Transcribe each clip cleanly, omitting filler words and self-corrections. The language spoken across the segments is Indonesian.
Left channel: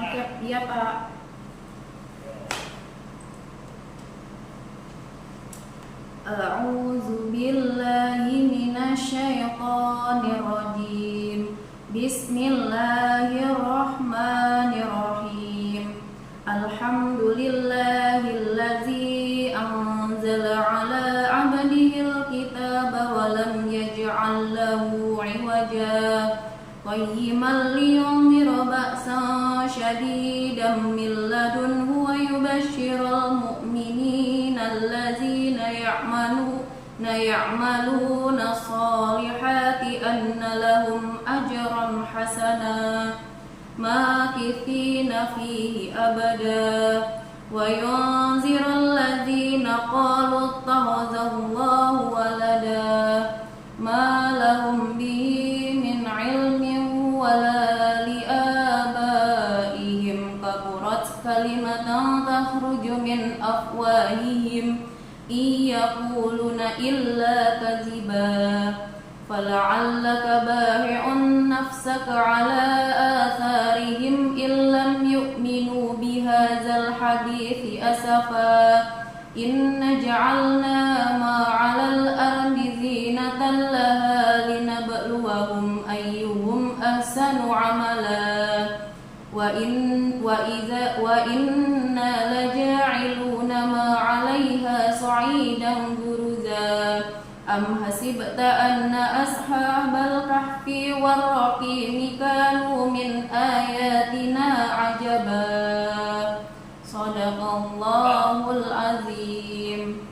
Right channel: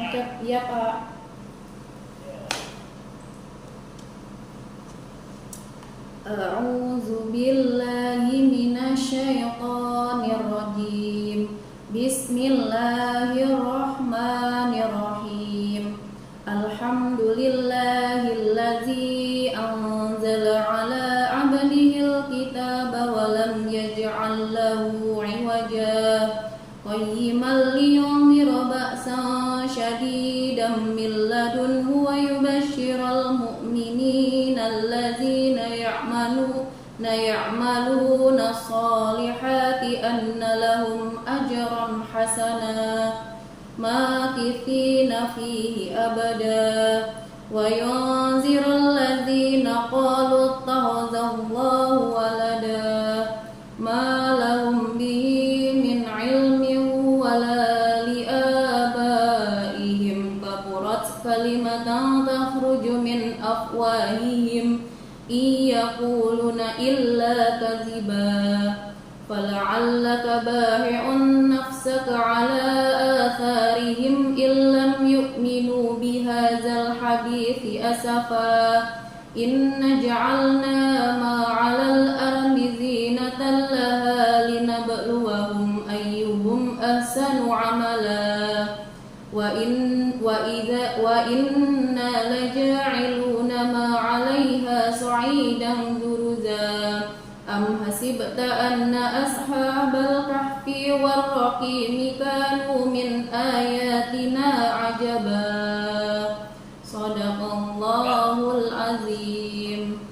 Oke, iya Pak. A'udzu billahi minasyaitonir rajim. Bismillahirrahmanirrahim. Alhamdulillahillazi anzala ala 'abdihil kitaba wa lam yaj'al lahu 'iwaja qayyiman liyunzira ba'san syadidan min ladunhu wa yubashshiral mu'minina allazina ya'maluna sholihati anna lahum ajran hasana makithina fihi abada wa yunziral ladzina qalu ittakhadallahu walada ma lahum bihi min ilmin wala liabaihim kaburat kalimatan takhruju min afwahihim iyaquluna illa kadziba fala'allaka bahi'un nafsaka ala atharihim illam yu'minu bihadzal hadithi asafa inna ja'alna ma 'alal ardi zinatan laha linabluwahum ayyuhum ahsanu 'amala wa inna laja'iluna ma 'alaiha sa'idan juruza am hasibta anna ashabal kahfi warraqimi kanu min ayatina 'ajaba. Shadaqallahul azim.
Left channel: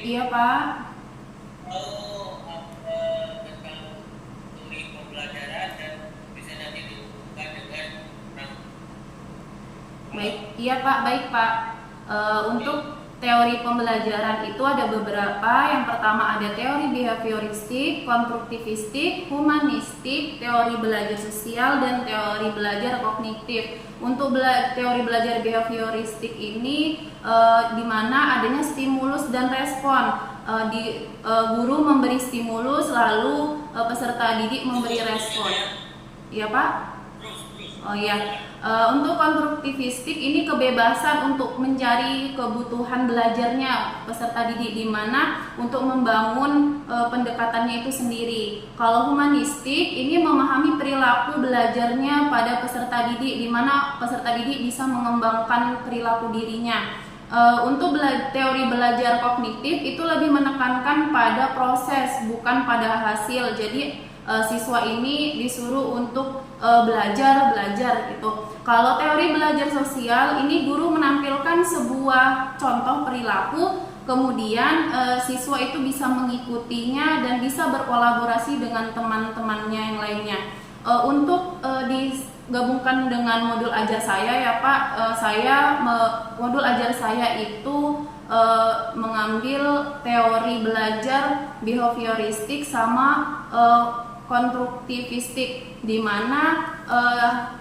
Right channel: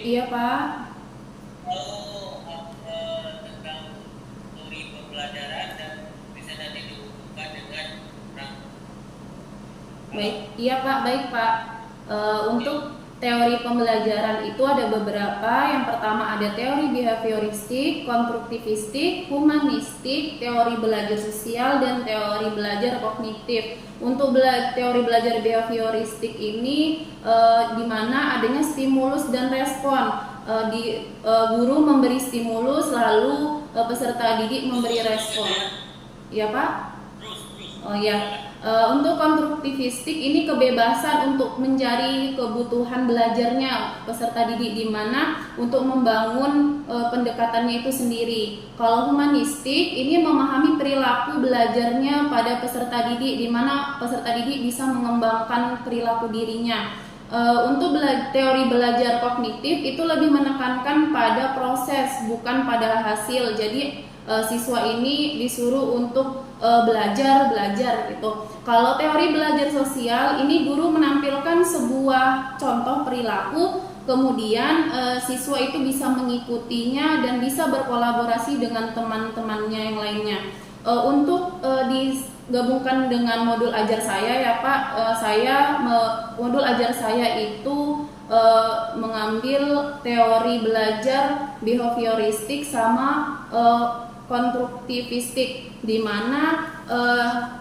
Iya Pak. Tentang teori pembelajaran dan bisa nanti dihubungkan dengan Baik, iya Pak, baik Pak. Untuk teori pembelajaran itu ada beberapa. Yang pertama ada teori behavioristik, konstruktivistik, humanistik, teori belajar sosial, dan teori belajar kognitif. Untuk teori belajar behavioristik ini di mana adanya stimulus dan respon. Guru memberi stimulus, lalu peserta didik memberi respon. Iya Pak? Oh iya. Untuk konstruktivistik ini kebebasan untuk mencari kebutuhan belajarnya peserta didik, di mana untuk membangun pendekatannya itu sendiri. Kalau humanistik ini memahami perilaku belajarnya pada peserta didik, di mana peserta didik bisa mengembangkan perilaku dirinya. Untuk teori belajar kognitif itu lebih menekankan pada proses bukan pada hasil. Jadi siswa ini disuruh untuk belajar gitu. Kalau teori belajar sosial ini guru menampilkan sebuah contoh perilaku, kemudian siswa itu bisa mengikutinya dan bisa berkolaborasi dengan teman-temannya yang lainnya. Untuk digabungkan dengan modul ajar saya ya Pak, modul ajar saya itu mengambil teori belajar behavioristik sama konstruktivistik, di mana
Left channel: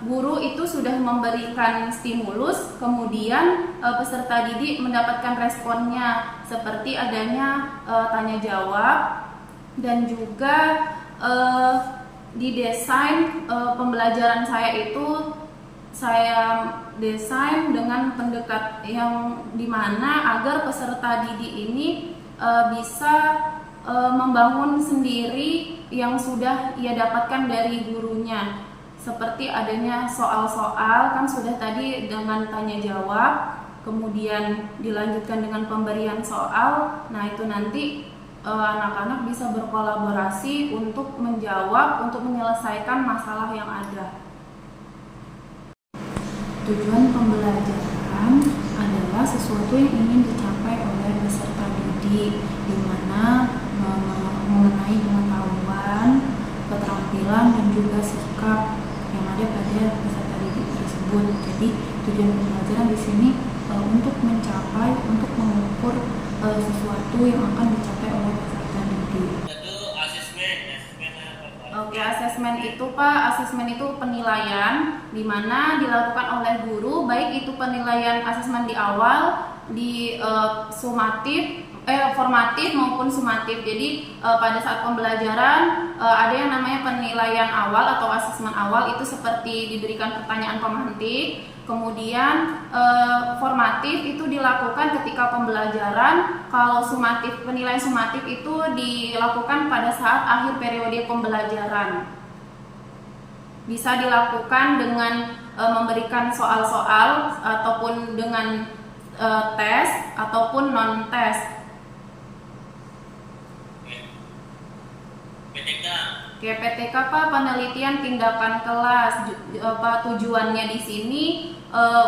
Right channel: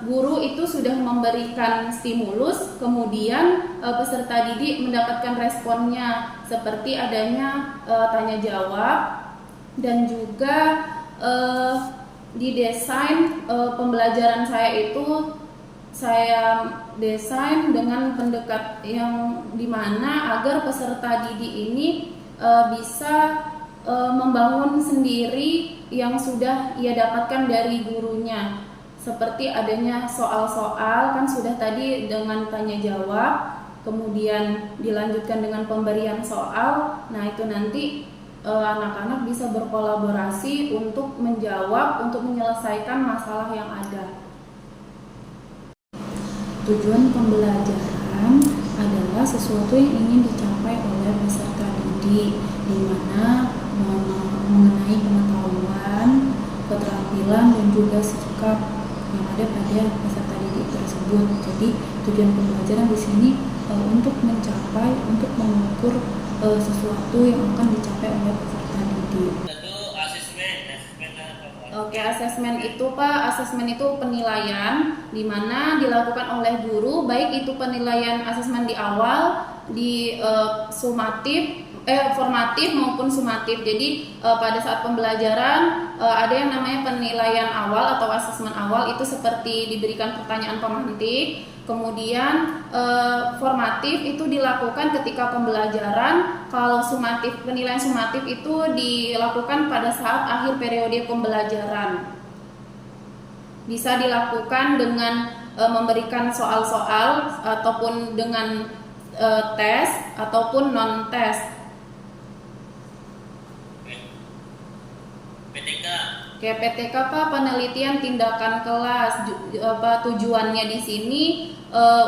guru itu sudah memberikan stimulus, kemudian peserta didik mendapatkan responnya seperti adanya tanya jawab, dan juga didesain pembelajaran saya itu saya desain dengan pendekat yang dimana agar peserta didik ini bisa membangun sendiri yang sudah ia dapatkan dari gurunya, seperti adanya soal-soal, kan sudah tadi dengan tanya jawab, kemudian dilanjutkan dengan pemberian soal. Nah itu nanti anak-anak bisa berkolaborasi untuk menjawab, untuk menyelesaikan masalah yang ada. Tujuan pembelajaran adalah sesuatu yang ingin dicapai oleh peserta didik, di mana mengenai pengetahuan, keterampilan, dan juga sikap yang ada pada peserta didik tersebut. Jadi tujuan pembelajaran di sini untuk mencapai, untuk mengukur sesuatu yang akan dicapai oleh peserta didik. Tentu asesmen apa Pak? Oke, asesmen itu Pak, asesmen itu penilaian di mana dilakukan oleh guru, baik itu penilaian asesmen di awal, di formatif maupun sumatif. Jadi pada saat pembelajaran ada yang namanya penilaian awal atau asesmen awal, itu seperti diberikan pertanyaan pemantik. Kemudian formatif itu dilakukan ketika pembelajaran. Kalau sumatif, penilaian sumatif itu dilakukan pada saat akhir periode pembelajaran. Bisa dilakukan dengan memberikan soal-soal ataupun dengan tes ataupun non tes. PTK. Oke, PTK Pak, penelitian tindakan kelas. Tujuannya di sini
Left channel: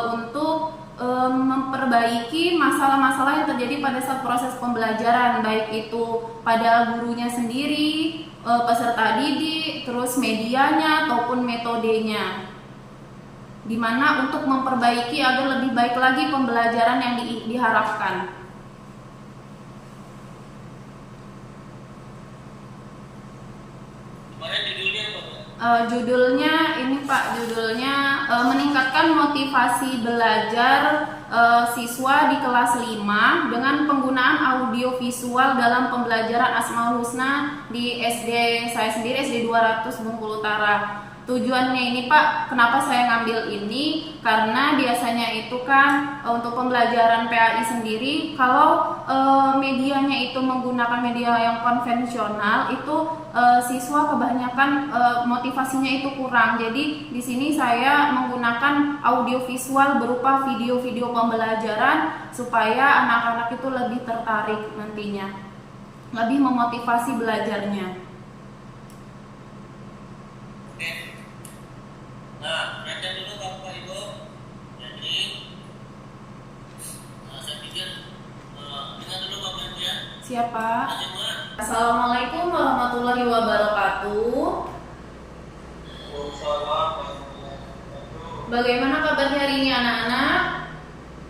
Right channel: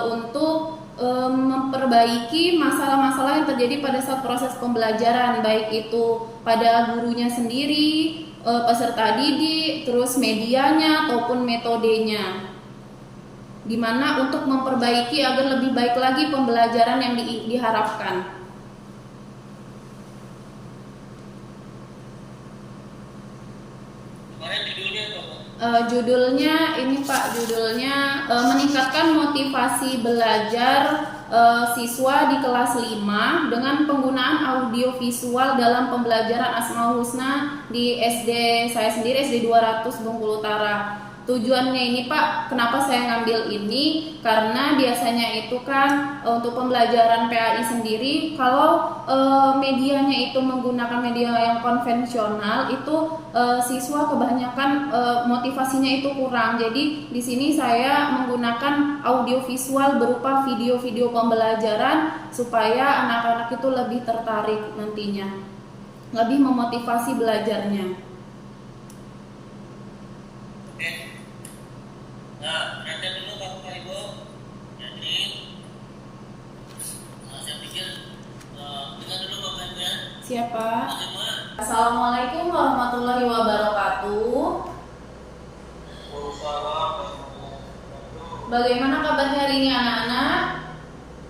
untuk memperbaiki masalah-masalah yang terjadi pada saat proses pembelajaran, baik itu pada gurunya sendiri, peserta didik, terus medianya ataupun metodenya. Dimana untuk memperbaiki agar lebih baik lagi pembelajaran yang diharapkan. Judulnya ini Pak, judulnya meningkatkan motivasi belajar siswa di kelas 5 dengan penggunaan audio visual dalam pembelajaran Asmaul Husna di SD saya sendiri, SD 200 Bengkulu Utara. Tujuannya ini Pak, kenapa saya ngambil ini? Karena biasanya itu kan untuk pembelajaran PAI sendiri, kalau medianya itu menggunakan media yang konvensional, itu siswa kebanyakan motivasinya itu kurang. Jadi di sini saya menggunakan audio visual berupa video-video pembelajaran supaya anak-anak itu lebih tertarik nantinya, lebih memotivasi belajarnya. Nah, perhatian dulu Bapak Ibu. Jadi, saya pikir dengar dulu Bapak Ibu ya. Siapa? Semua. Assalamualaikum warahmatullahi wabarakatuh. Bagaimana kabarnya hari ini anak-anak?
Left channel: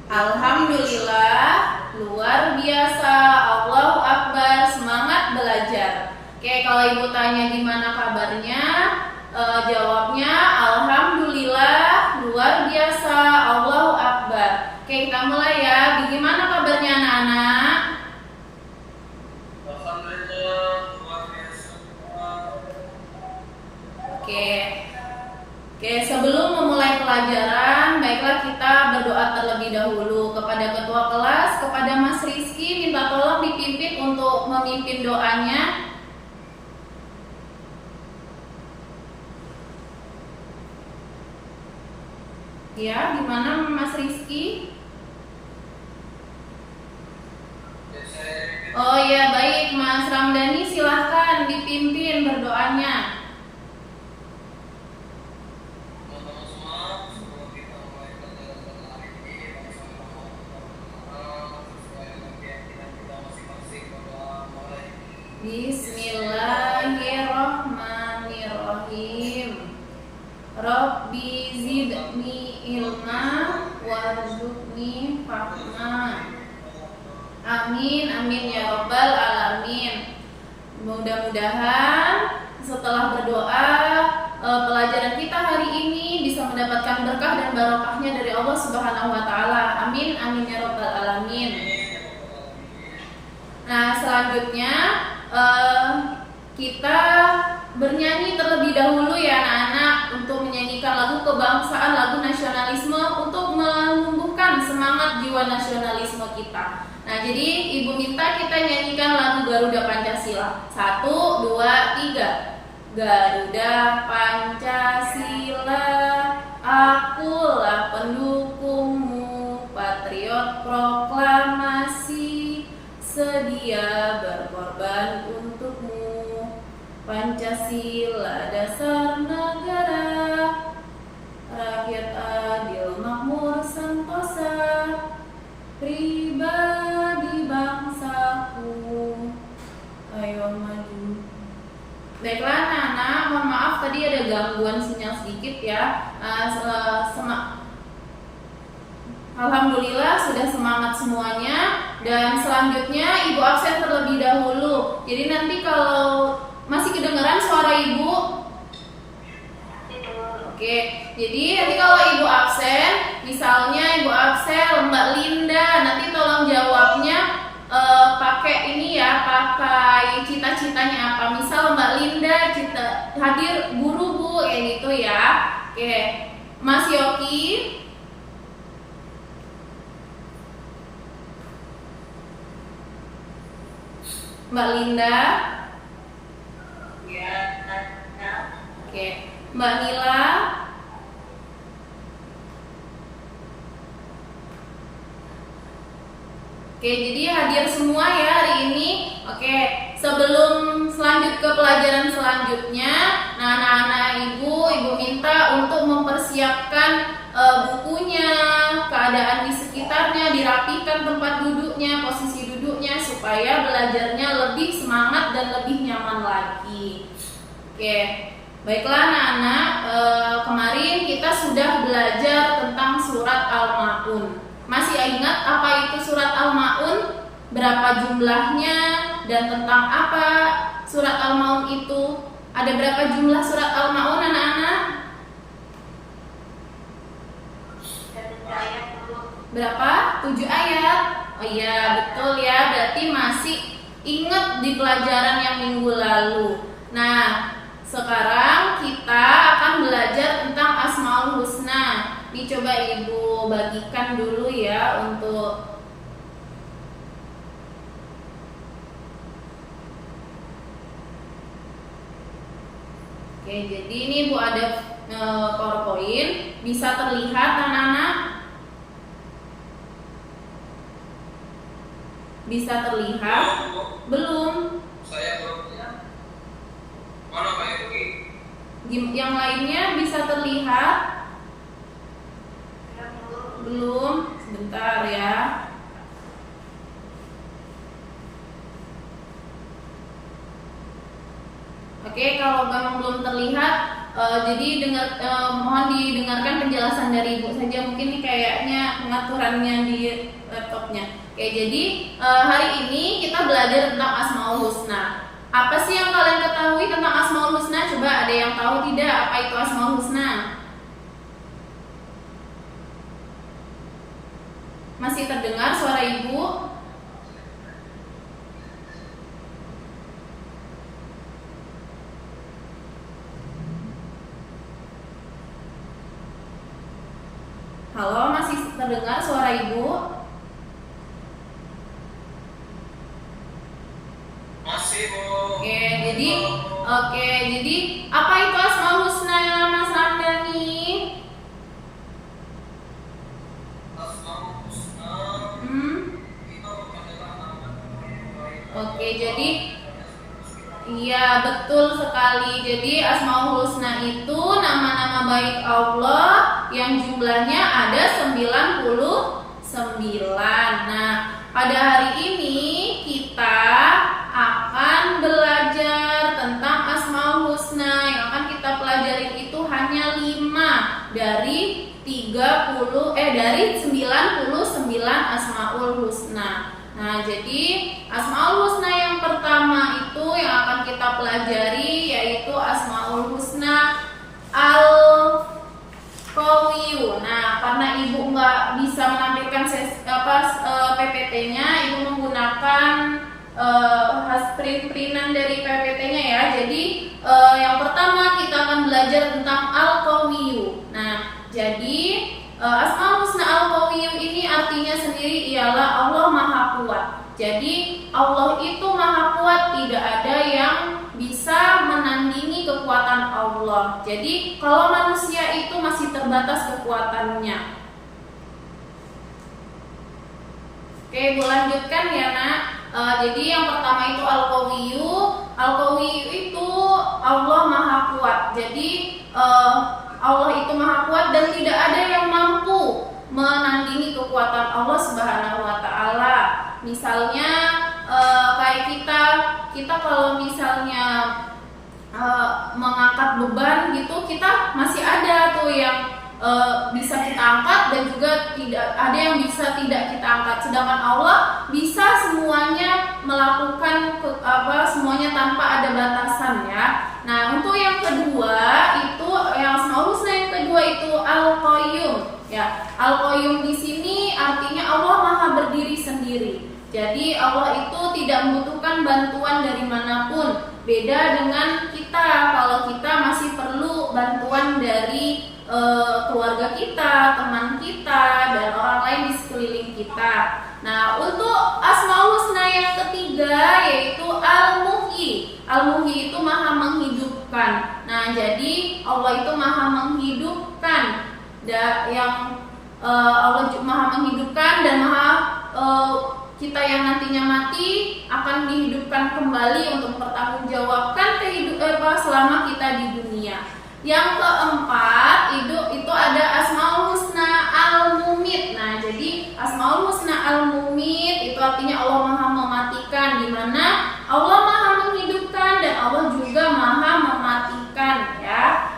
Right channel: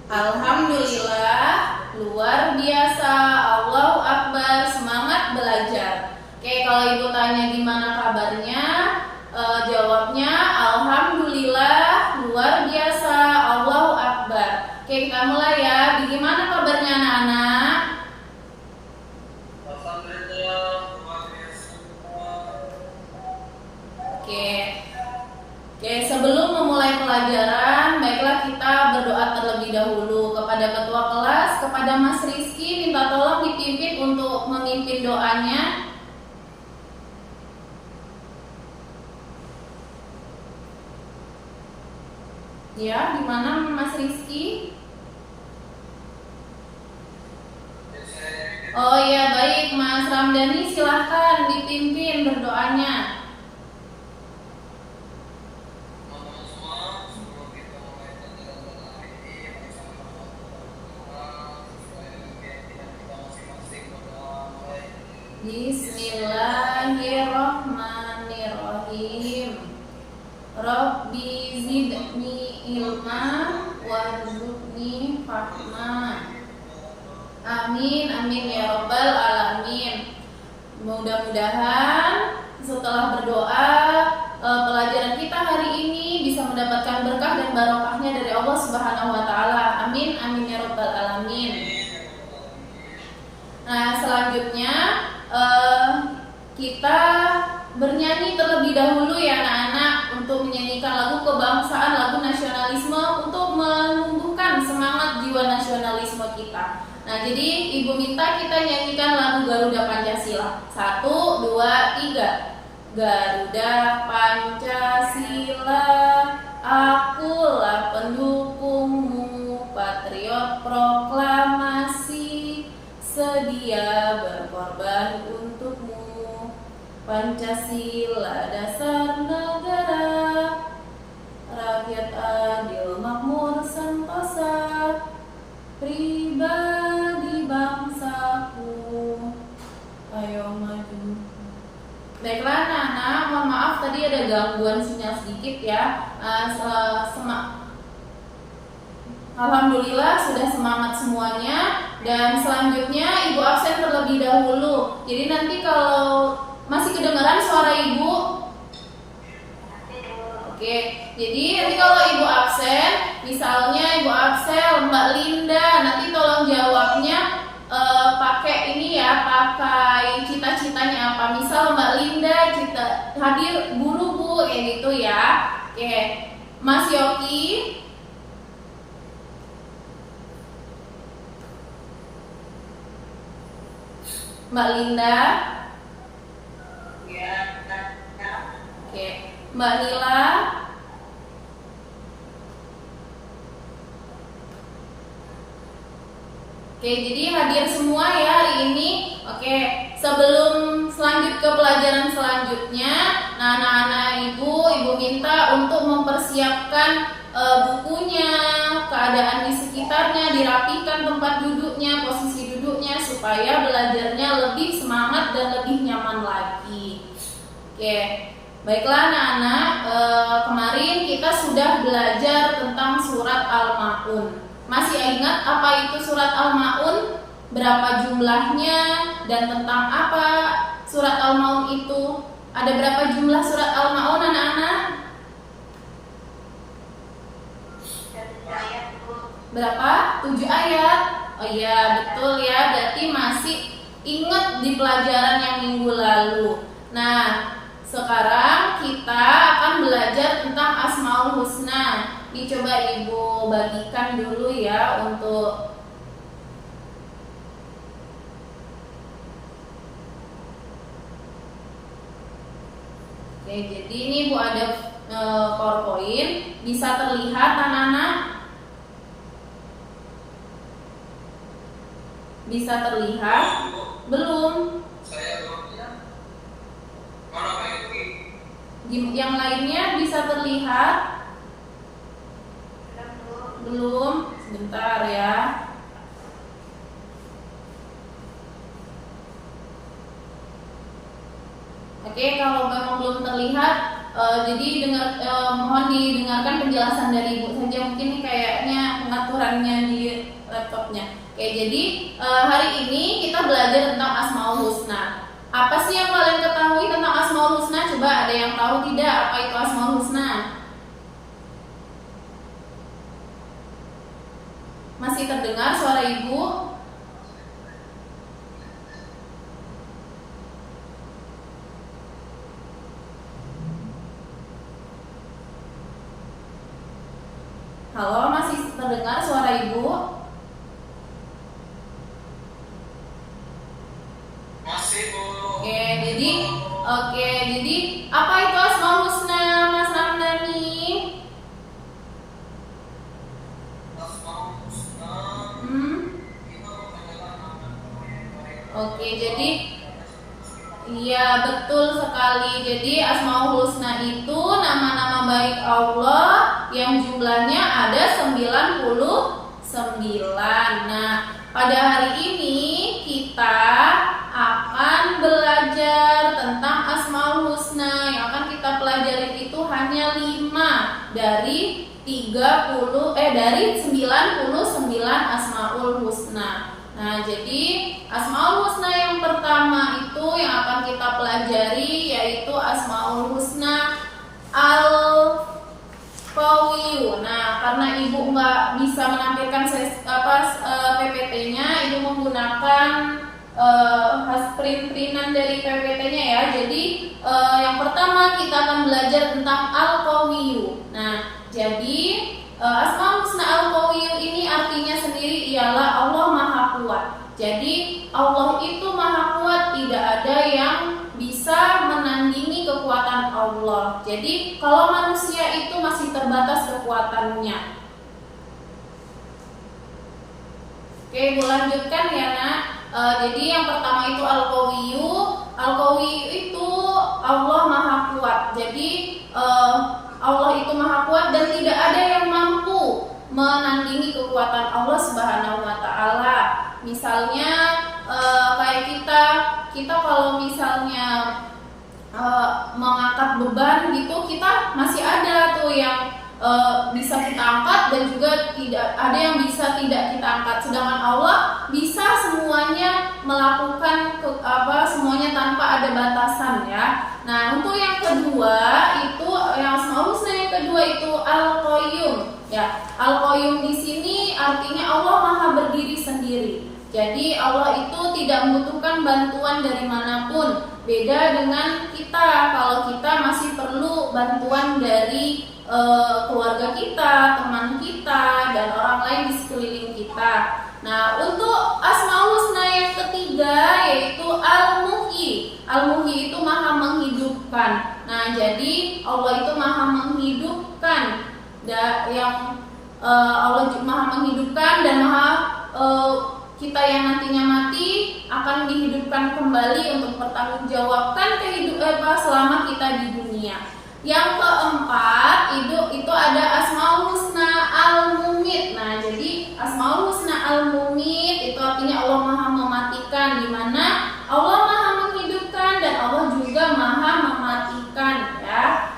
Alhamdulillah, luar biasa. Allahu Akbar, semangat belajar. Oke, kalau ibu tanya gimana kabarnya? Jawabnya alhamdulillah, luar biasa, Allahu Akbar. Oke, kita mulai ya. Bagaimana kabarnya anak-anak? Alhamdulillah, luar biasa. Oke, sebelum memulai pelajaran, baiklah kita berdoa terlebih dahulu kepada ketua kelas, kepada Mas Rizky, minta tolong dipimpin untuk memimpin doanya. Ya, gimana Mas Rizky? Oh ya, baik Mas Ramdhani, silahkan dipimpin berdoanya. Teman-teman semua, sebelum kita mulai pelajaran hari ini, bersama-sama sesuai dengan keyakinan kita masing-masing, berdoa mulai. Bismillahirrahmanirrahim. Rabbi zidni ilma warzuqni fahma. Amin, amin ya rabbal alamin. Mudah-mudahan setelah berdoa pelajaran kita hari ini bisa mendapatkan berkah dan barokahnya dari Allah Subhanahu wa taala. Amin, amin ya rabbal alamin. Nah, selanjutnya kita bernyanyi terlebih dahulu ya anak-anak, untuk menyanyikan lagu kebangsaan, lagu nasionalisme, untuk menumbuhkan semangat jiwa nasionalisme kita. Nah, jadi Ibu minta kita nyanyikan lagu Garuda Pancasila. 1, 2, 3. Garuda Pancasila, akulah pendukungmu, patriot proklamasi, sedia berkorban untukmu. Pancasila dasar negara, rakyat adil makmur sentosa, pribadi bangsaku, ayo maju. Baiklah anak-anak, mohon maaf tadi ada gangguan sinyal sedikit ya. Alhamdulillah sudah semangat semuanya. Dan selanjutnya Ibu absen terlebih dahulu. Jadi nanti kalau masih kedengaran suara Ibu? Oke, jadi nanti kalau Ibu absen, misalnya Ibu absen Mbak Linda, nanti tolong jawabnya pakai ini ya, pakai cita-citanya apa. Misal Mbak Linda hadir guru Bu, kayak gitu ya. Oke, Mas Yoki. Mbak Linda. Ya. Oke, Mbak Nila. Oke, jadi hadir semua ya hari ini. Oke, sebelum selanjut ke pelajaran selanjutnya, nah anak-anak ibu minta untuk mempersiapkan bukunya, keadaan di sekitarnya, dirapikan tempat duduknya, posisi duduknya, supaya belajarnya lebih semangat dan lebih nyaman lagi. Oke, baiklah anak-anak, kemarin kita sudah belajar tentang surat Al-Ma'un. Masih ingat apa itu surat Al-Ma'un? Berapa jumlahnya dan tentang apa surat Al-Ma'un itu? Ada berapa jumlah surat Al-Ma'un anak-anak? Berapa? 7 ayat. Oh iya, betul ya. Berarti masih ingat di pelajaran yang minggu lalu. Nah, sekarang kita akan belajar tentang Asmaul Husna. Dicoba Ibu bagikan dulu ya untuk Oke, jadi ini Bu ada PowerPoint, bisa terlihat anak-anak? Bisa terlihat? Belum. Saya belum. Mana Pak Yogi? Yang lainnya bisa terlihat? Belum. Sebentar ya. Oke, kalau memang belum terlihat, jadi mohon didengarkan penjelasan dari Ibu saja. Mungkin ini kayaknya pengaturannya di laptopnya. Oke, jadi hari ini kita belajar tentang Asmaul Husna. Apa sih yang kalian ketahui tentang Asmaul Husna? Coba ada yang tahu tidak apa itu Asmaul Husna? Masih terdengar suara Ibu? Halo, masih terdengar suara Ibu? Masih Bu. Oke, jadi apa itu Asmaul Husna, Mas Ramdhani? Asmaul Husna. Itu adalah nama-nama yang baik. Oke, jadi iya betul sekali. Jadi Asmaul Husna itu nama-nama baik Allah yang jumlahnya ada 99. Nah, pada hari ini kita akan belajar tentang Asmaul Husna. Yang akan kita pelajari itu hanya 5 dari 99 Asmaul Husna. Nah, jadi Asmaul Husna yang pertama itu yang akan kita pelajari yaitu Asmaul Husna Al-Qawiyu. Nah, karena Ibu nggak bisa menampilkan PPT-nya, Ibu menggunakan print-printan dari PPT-nya ya. Jadi yang pertama kita akan belajar tentang Al-Qawiyu. Nah, jadi Asmaul Husna Al-Qawiyu ini artinya sendiri ialah Allah Maha Kuat. Jadi Allah itu Maha Kuat, tidak ada yang bisa menandingi kekuatan Allah. Jadi kalau manusia itu masih terbatas kekuatannya. Oke, Bu lanjutkan ya nak. Jadi yang pertama itu Al-Qawiyu. Al-Qawiyu itu Allah Maha Kuat. Jadi Allah itu Maha Kuat dan tidak ada yang mampu menandingi kekuatan Allah Subhanahu wa taala. Misalnya kayak kita kalau misalnya mengangkat beban gitu, kita masih ada tuh yang bisa kita angkat dan juga tidak ada yang bisa tidak kita angkat. Sedangkan Allah bisa semuanya melakukan semuanya tanpa ada batasan ya. Nah, untuk yang kedua itu yang Asmaul Husna yang kedua itu Al-Qayyum ya. Al-Qayyum di sini artinya Allah Maha berdiri sendiri. Jadi Allah itu tidak membutuhkan bantuan dari manapun. Beda dengan kita, kalau kita masih perlu bantuan dari keluarga kita, teman kita, dan orang lain di sekeliling kita. Nah, untuk Asmaul Husna yang ketiga yaitu Al-Muhyi. Al-Muhyi itu Maha menghidupkan. Nah, jadi Allah itu Maha menghidupkan. Allah Maha menghidupkan dan Maha kita yang nantinya mati akan dihidupkan kembali untuk mempertanggungjawabkan selama kita di dunia. Yang keempat itu ada Asmaul Husna Al-Mumit. Nah, jadi Asmaul Husna Al-Mumit itu artinya Allah Maha mematikan, di mana Allah Maha menghidupkan dan Allah juga Maha mematikan ya.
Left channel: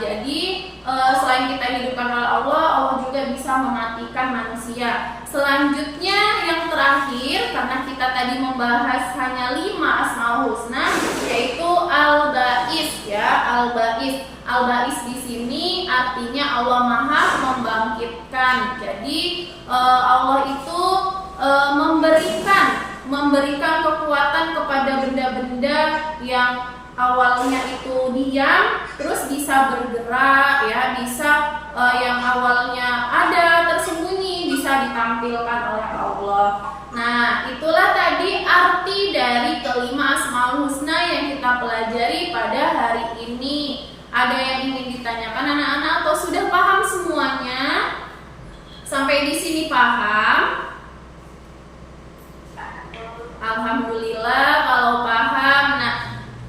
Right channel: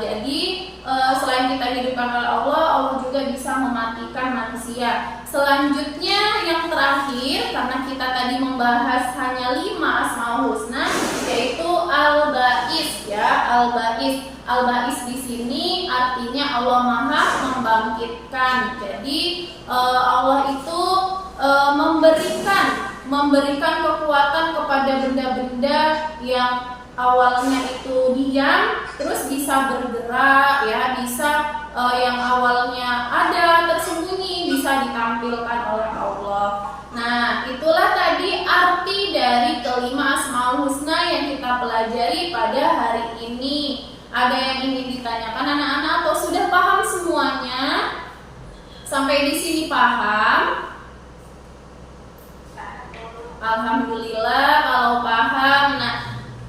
Jadi selain kita hidupkan oleh Allah, Allah juga bisa mematikan manusia. Selanjutnya yang terakhir, karena kita tadi membahas hanya 5 Asmaul Husna, yaitu Al-Ba'is ya. Al-Ba'is di sini artinya Allah Maha membangkitkan. Jadi Allah itu memberikan kekuatan kepada benda-benda yang awalnya itu diam terus bisa bergerak ya, bisa yang awalnya ada tersembunyi bisa ditampilkan oleh Allah. Nah, itulah tadi arti dari kelima Asmaul Husna yang kita pelajari pada hari ini. Ada yang ingin ditanyakan anak-anak atau sudah paham semuanya? Sampai di sini paham? Alhamdulillah kalau paham. Nah,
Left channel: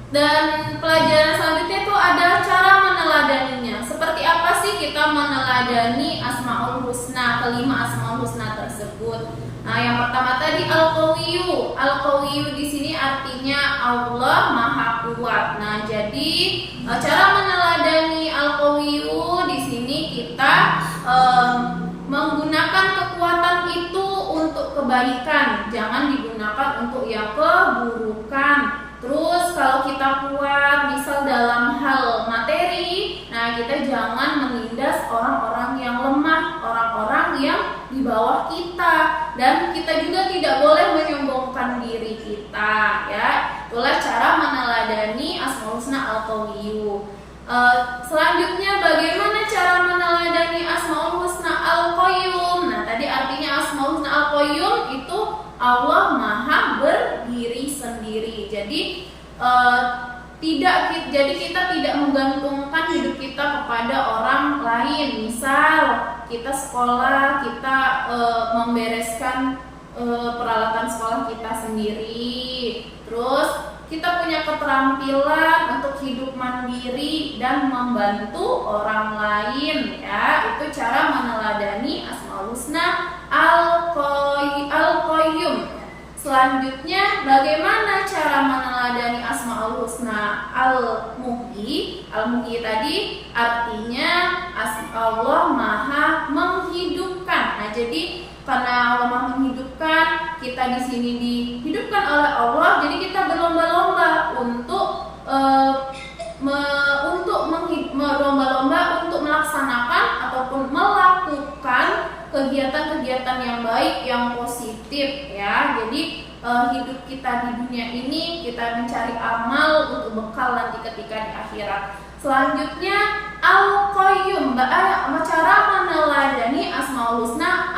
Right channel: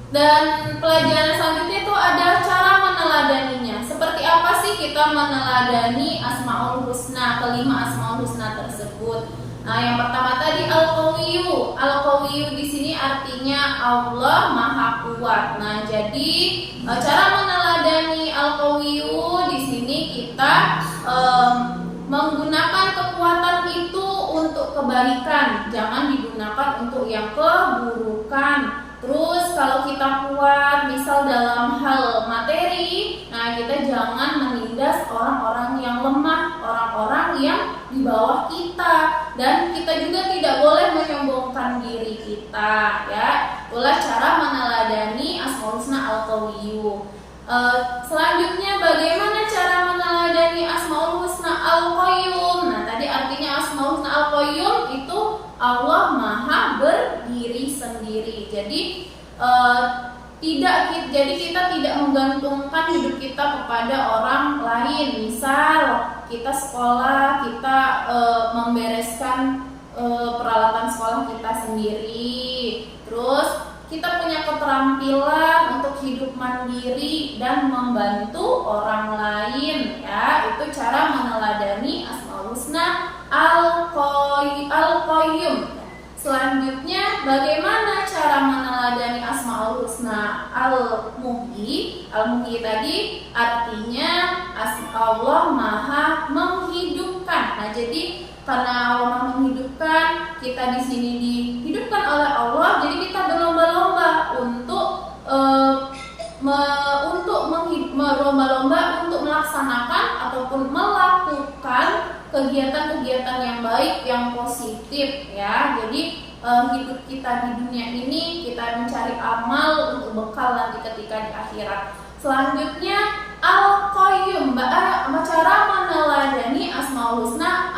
dan pelajaran selanjutnya itu ada cara meneladaninya. Seperti apa sih kita meneladani Asmaul Husna, kelima Asmaul Husna tersebut? Nah, yang pertama tadi Al-Qawiyyu. Al-Qawiyyu di sini artinya Allah Maha Kuat. Nah, jadi cara meneladani Al-Qawiyyu di sini kita menggunakan kekuatan itu untuk kebaikan, jangan digunakan untuk yang keburukan. Terus kalau kita kuat misal dalam hal materi, nah kita jangan menindas orang-orang yang lemah, orang-orang yang di bawah kita, dan kita juga tidak boleh menyombongkan diri kita ya. Itulah cara meneladani Asmaul Husna Al-Qawiyyu. Selanjutnya bagaimana cara meneladani Asmaul Husna Al-Qayyum? Nah, tadi artinya Asmaul Husna Al-Qayyum itu Allah Maha berdiri sendiri. Jadi kita tidak menggantungkan hidup kita kepada orang lain. Misal kita sekolah, kita membereskan peralatan sekolah kita sendiri. Terus kita punya keterampilan untuk hidup mandiri dan membantu orang lain ya. Itu cara meneladani Asmaul Husna Al-Qayyum. Selanjutnya bagaimana cara meneladani Asmaul Husna Al-Muhyi? Al-Muhyi tadi artinya Allah Maha menghidupkan. Nah, jadi karena Allah Maha menghidupkan, kita di sini dihidupkan oleh Allah. Jadi kita berlomba-lomba untuk berlomba-lomba untuk melaksanakan ataupun melakukan kegiatan-kegiatan yang baik, yang positif ya. Jadi hidup kita di dunia ini kita mencari amal untuk bekal nanti ketika di akhirat. Selanjutnya Al-Qayyum, cara meneladani Asmaul Husna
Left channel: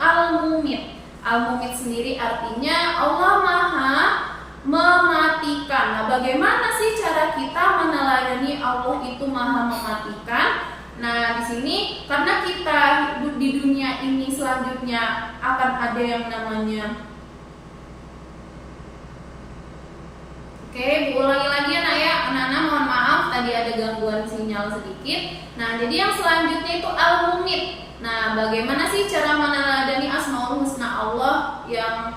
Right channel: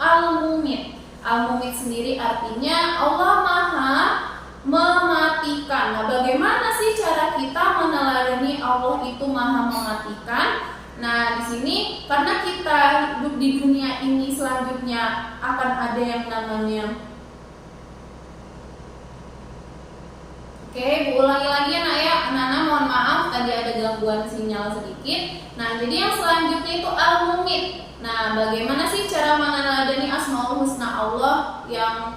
Al-Mumit. Al-Mumit sendiri artinya Allah Maha mematikan. Nah, bagaimana sih cara kita meneladani Allah itu Maha mematikan? Nah, di sini karena kita hidup di dunia ini selanjutnya akan ada yang namanya Oke, Bu ulangi lagi ya nak ya. Anak-anak mohon maaf tadi ada gangguan sinyal sedikit. Nah, jadi yang selanjutnya itu Al-Mumit. Nah, bagaimana sih cara meneladani Asmaul Husna Allah yang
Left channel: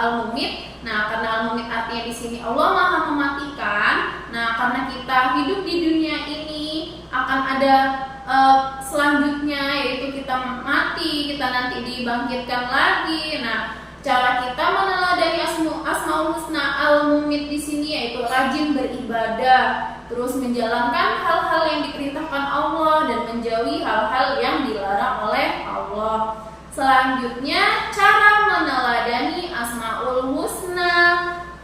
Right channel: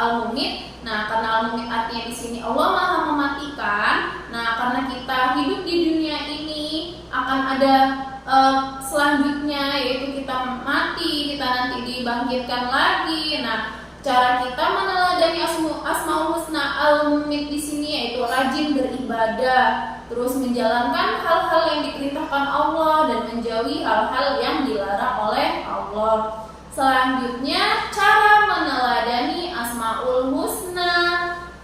Al-Mumit? Nah, karena Al-Mumit artinya di sini Allah Maha mematikan. Nah, karena kita hidup di dunia ini akan ada selanjutnya, yaitu kita mati, kita nanti dibangkitkan lagi. Nah, cara kita meneladani Asmaul Husna Al-Mumit di sini yaitu rajin beribadah, terus menjalankan hal-hal yang diperintahkan Allah dan menjauhi hal-hal yang dilarang oleh Allah. Selanjutnya, cara meneladani Asmaul Husna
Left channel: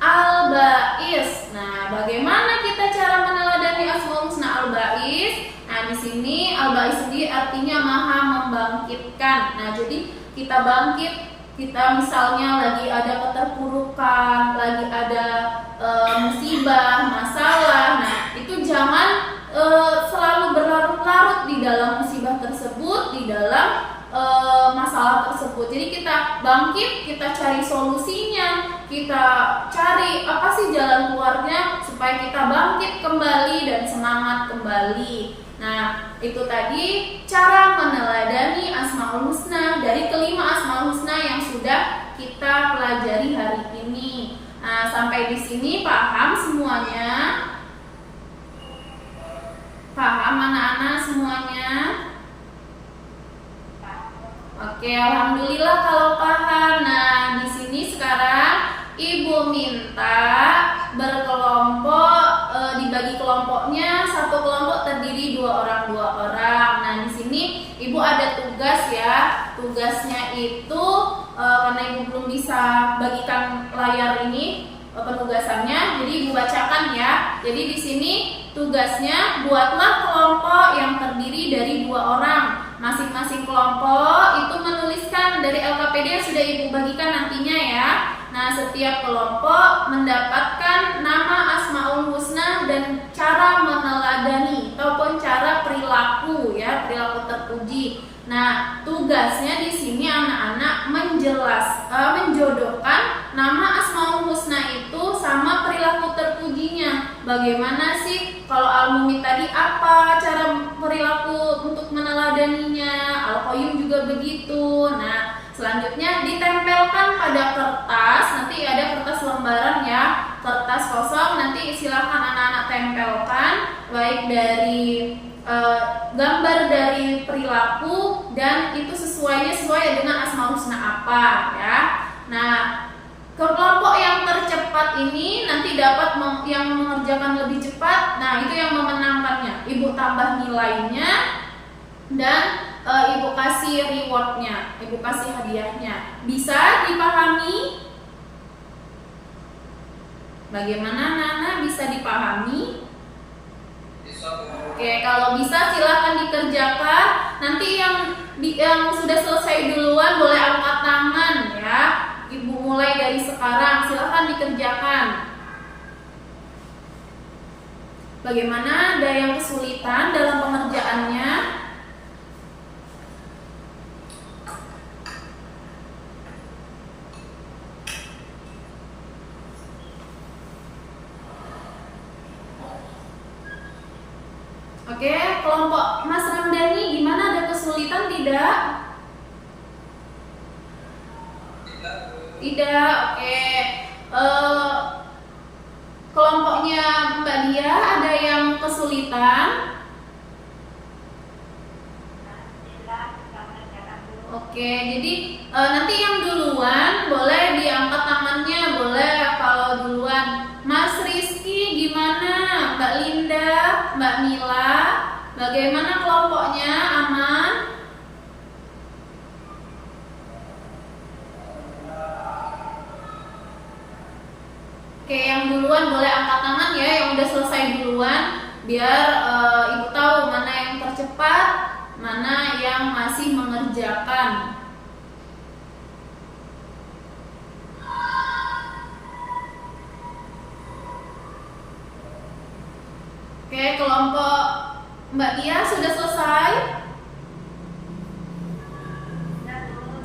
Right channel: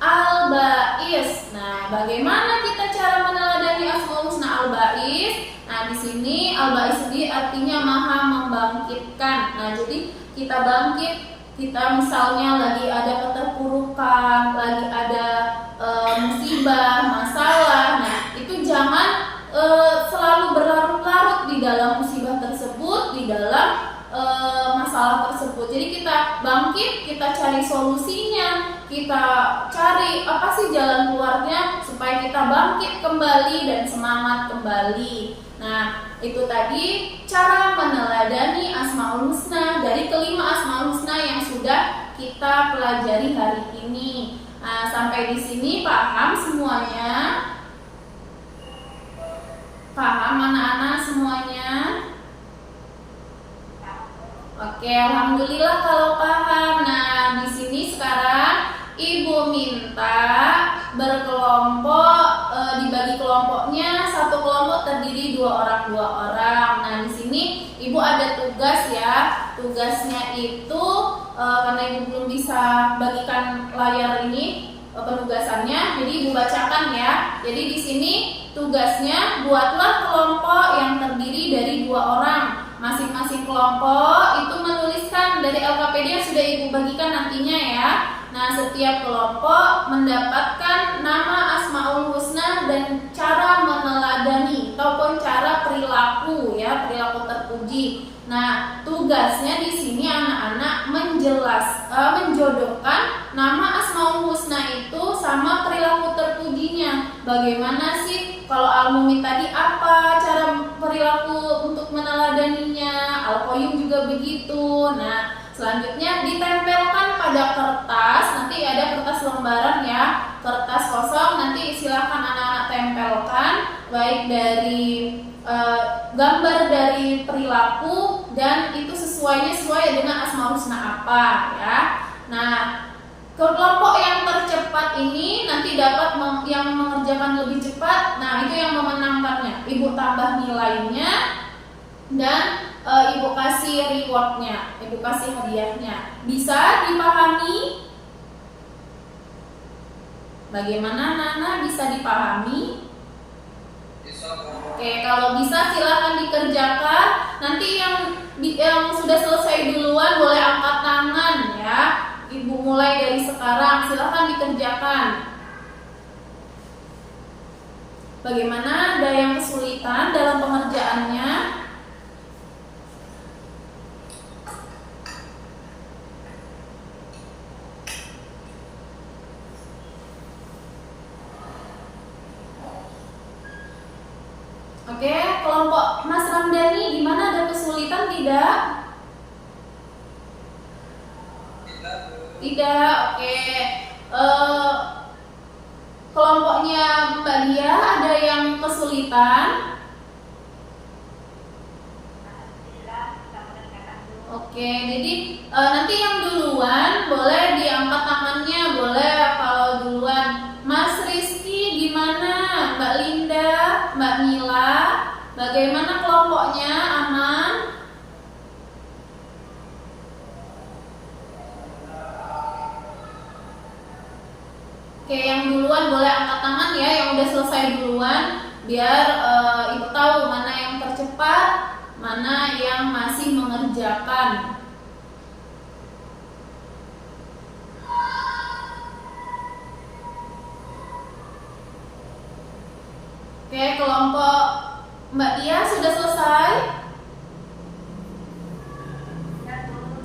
Al-Ba'is. Nah, bagaimana kita cara meneladani Asmaul Husna Al-Ba'is? Nah, di sini Al-Ba'is sendiri artinya Maha membangkitkan. Nah, jadi kita bangkit, kita misalnya lagi ada keterpurukan, lagi ada musibah, masalah. Nah, itu jangan selalu berlarut-larut di dalam musibah tersebut, di dalam masalah tersebut. Jadi kita bangkit, kita cari solusinya, kita cari apa sih jalan keluarnya supaya kita bangkit kembali dan semangat kembali. Nah, itu tadi cara meneladani Asmaul Husna dari kelima Asmaul Husna yang sudah kita pelajari hari ini. Nah, sampai di sini paham semuanya? Paham anak-anak semuanya? Oke, alhamdulillah kalau paham. Nah, di sini sekarang Ibu minta berkelompok, dibagi kelompoknya, satu kelompok terdiri 2 orang. Nah, di sini Ibu ada tugas ya. Tugasnya itu karena Ibu belum bisa bagikan layar ini penugasannya, jadi Ibu bacakan ya. Jadi di sini tugasnya buatlah kelompok yang terdiri dari 2 orang. Masing-masing kelompok itu menuliskan dari LKPD yang sudah Ibu bagikan nantinya ya. Nah, setiap kelompok mendapatkan nama Asmaul Husna dan cara meneladani ataupun cara perilaku ya, perilaku terpuji. Nah, tugasnya di sini anak-anak menjodohkan nama Asmaul Husna itu sama perilaku terpujinya. Bagaimana sih kalau Al-Mumit tadi apa cara perilaku untuk meneladaninya? Al-Qayyum juga begitu. Nah, selanjutnya ditempelkan pada kertas, nanti ada kertas lembaran ya, kertas kosong, nanti silakan anak-anak tempelkan baik dari gambar dari perilaku dan itu sesuai dengan Asmaul Husna apa ya. Nah, kelompok yang tercepat ini nanti dapat yang mengerjakan lebih cepat. Nah, itu yang memenangkannya. Ibu tambah nilainya dan Ibu kasih rewardnya, Ibu kasih hadiahnya. Bisa dipahami? Bagaimana Nana, bisa dipahami? Oke, kalau bisa silahkan dikerjakan. Nanti yang sudah selesai duluan boleh angkat tangan ya. Ibu mulai dari sekarang, silahkan dikerjakan. Bagaimana, ada yang kesulitan dalam pengerjaannya? Oke, kelompok Mas Ramdhani gimana, ada kesulitan tidak? Tidak, oke. Kelompoknya Mbak Dia ada yang kesulitan? Oke, jadi nanti yang duluan boleh diangkat tangannya, boleh kalau duluan. Mas Rizky gimana? Mbak Linda, Mbak Mila, bagaimana kelompoknya? Aman? Oke, yang duluan boleh angkat tangan ya, yang udah selesai duluan, biar Ibu tahu mana yang tercepat, mana yang masih mengerjakan. Oke, kelompok Mbak Dia sudah selesai?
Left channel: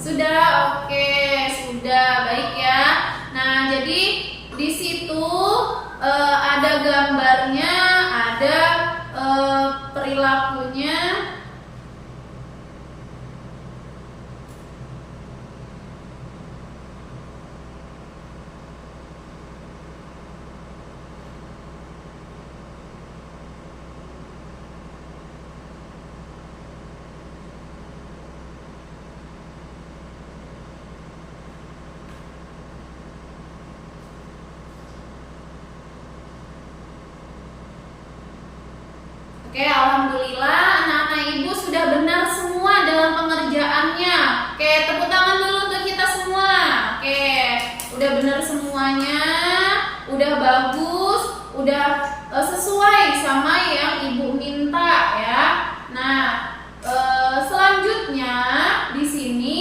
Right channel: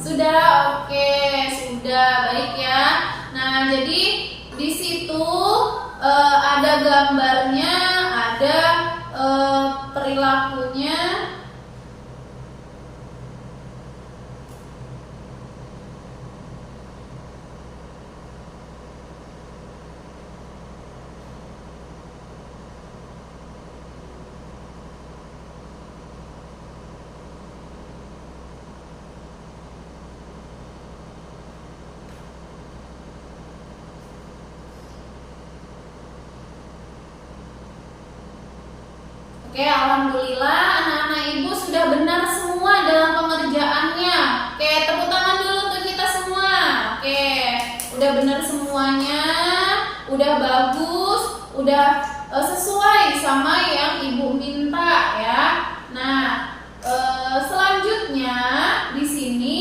Sudah, oke, sudah, baik ya. Nah, jadi di situ ada gambarnya, ada perilakunya. Oke, alhamdulillah anak-anak ibu sudah benar semua dalam pengerjaannya. Oke, tepuk tangan dulu untuk kita semua. Oke, udah benar semuanya, udah bagus, udah sesuai sama yang ibu minta ya. Nah, selanjutnya di sini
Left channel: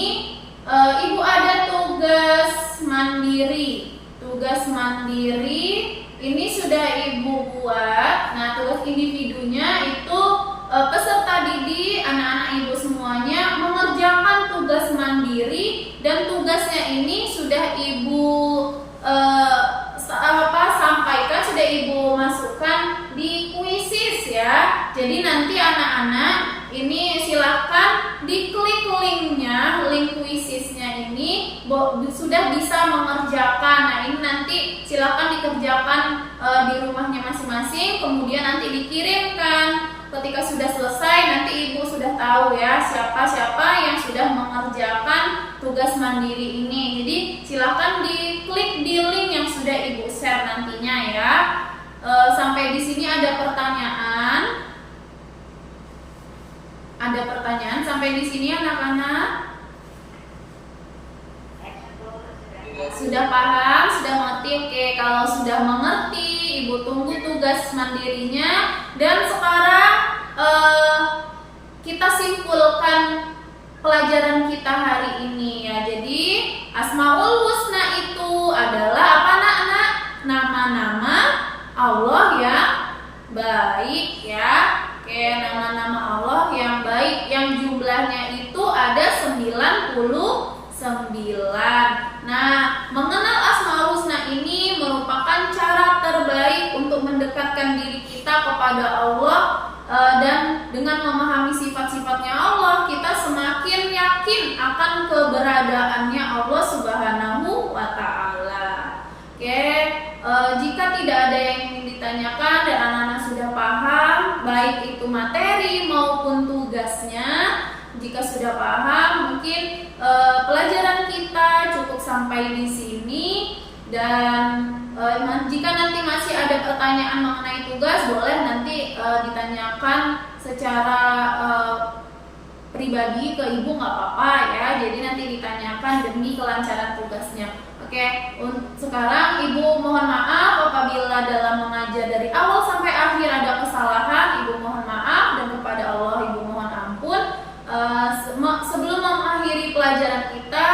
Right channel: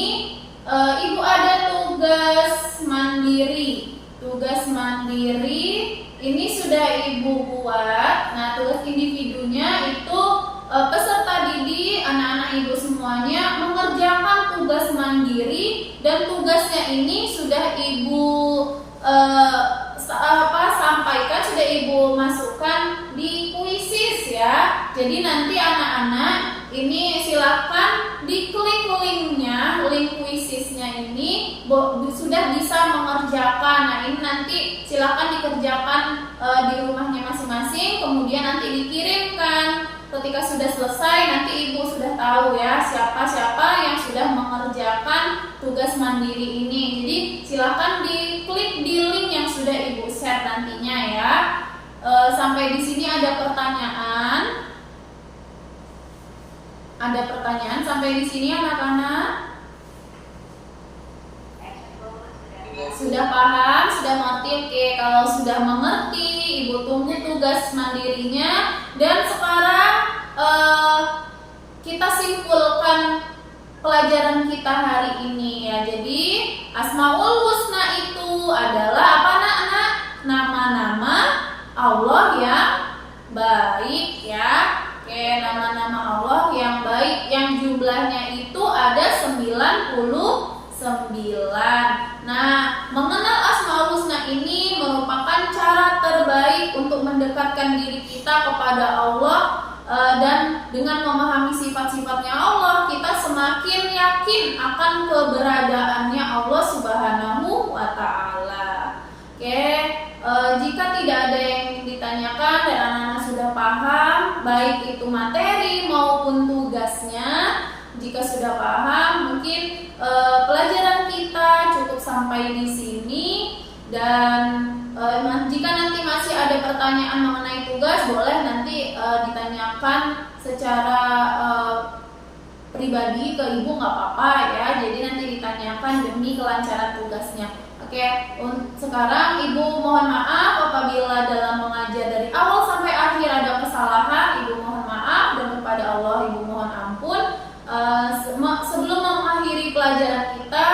ibu ada tugas mandiri. Tugas mandiri ini sudah ibu buat. Nah, tugas individunya itu peserta didik anak-anak ibu semuanya mengerjakan tugas mandiri, dan tugasnya ini sudah ibu sampaikan, sudah ibu masukkan di kuisis ya. Jadi nanti anak-anak ini silakan diklik linknya, link kuisisnya ini sudah bisa mengerjakan. Nah, ini nanti silakan dikerjakan di rumahnya masing-masing, kemudian nanti dikirimkan. Ketika sudah selesai nanti ibu sudah tahu ya siapa-siapa yang sudah mengerjakan tugas mandiri ini. Jadi silakan diklik di link yang sudah ibu share nantinya ya. Sampai di sini ada pertanyaan? Ada pertanyaan sampai di sini anak-anak? Sudah paham? Sudah mengerti? Oke, kalau sudah mengerti, ibu tunggu tugas mandirinya. Dan sekarang kita simpulkan pelajaran kita hari ini ya. Jadi Asmaul Husna itu adalah apa anak-anak? Nama-nama Allah yang baik ya. Oke, nama-nama Allah yang baik yang jumlahnya itu ada 99. Nah, mengenal Asmaul Husna ini merupakan cara terbaik untuk mendekatkan diri kita kepada Allah, dan dengan memahami sifat-sifatnya Allah, kita semakin yakin akan keberadaannya Allah Subhanahu wa Ta'ala. Oke, jika tidak ada yang ingin ditanyakan dan anak-anak sudah paham, baik itu materi maupun tugasnya, jika sudah paham, mungkin pelajaran kita cukup sampai di sini. Dan jika nanti masih ada pertanyaan mengenai tugas, boleh nanti ditanyakan secara pribadi ke ibu, nggak apa-apa ya. Jadi nanti ditanyakan demi kelancaran tugasnya. Oke, sekarang ibu mohon maaf apabila dalam mengajar dari awal sampai akhir ada kesalahan. Ibu mohon maaf, dan kepada Allah ibu mohon ampun. Sebelum mengakhiri pelajaran kita,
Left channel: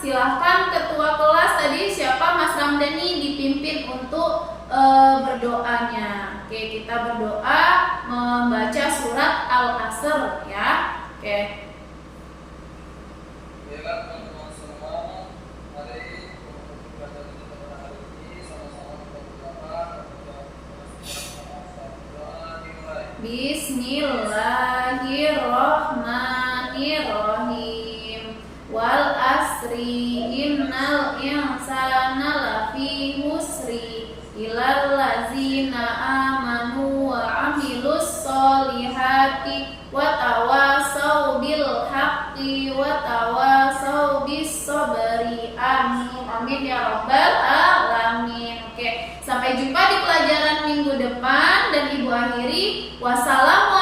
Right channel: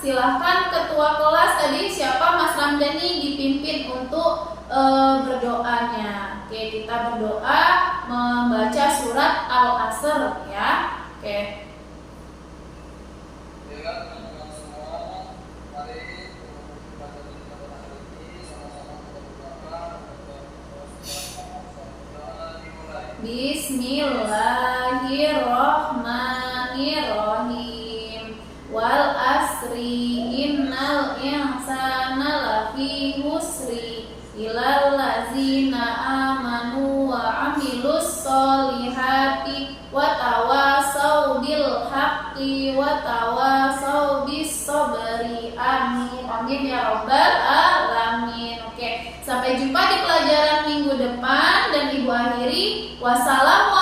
silahkan ketua kelas tadi siapa, Mas Ramdhani, dipimpin untuk berdoanya. Oke, kita berdoa membaca surat Al-Asr ya. Oke. Baiklah teman-teman semua, mari kita berdoa pada hari ini, sama-sama kita berdoa dimulai. Bismillahirrahmanirrahim. Wal asri innal insana lafi husri illal ladzina amanu wa amilus solihati wa tawasau bil haqqi wa tawasau bis sabri. Amin. Amin ya rabbal alamin. Oke, sampai jumpa di pelajaran minggu depan, dan ibu akhiri wassalamu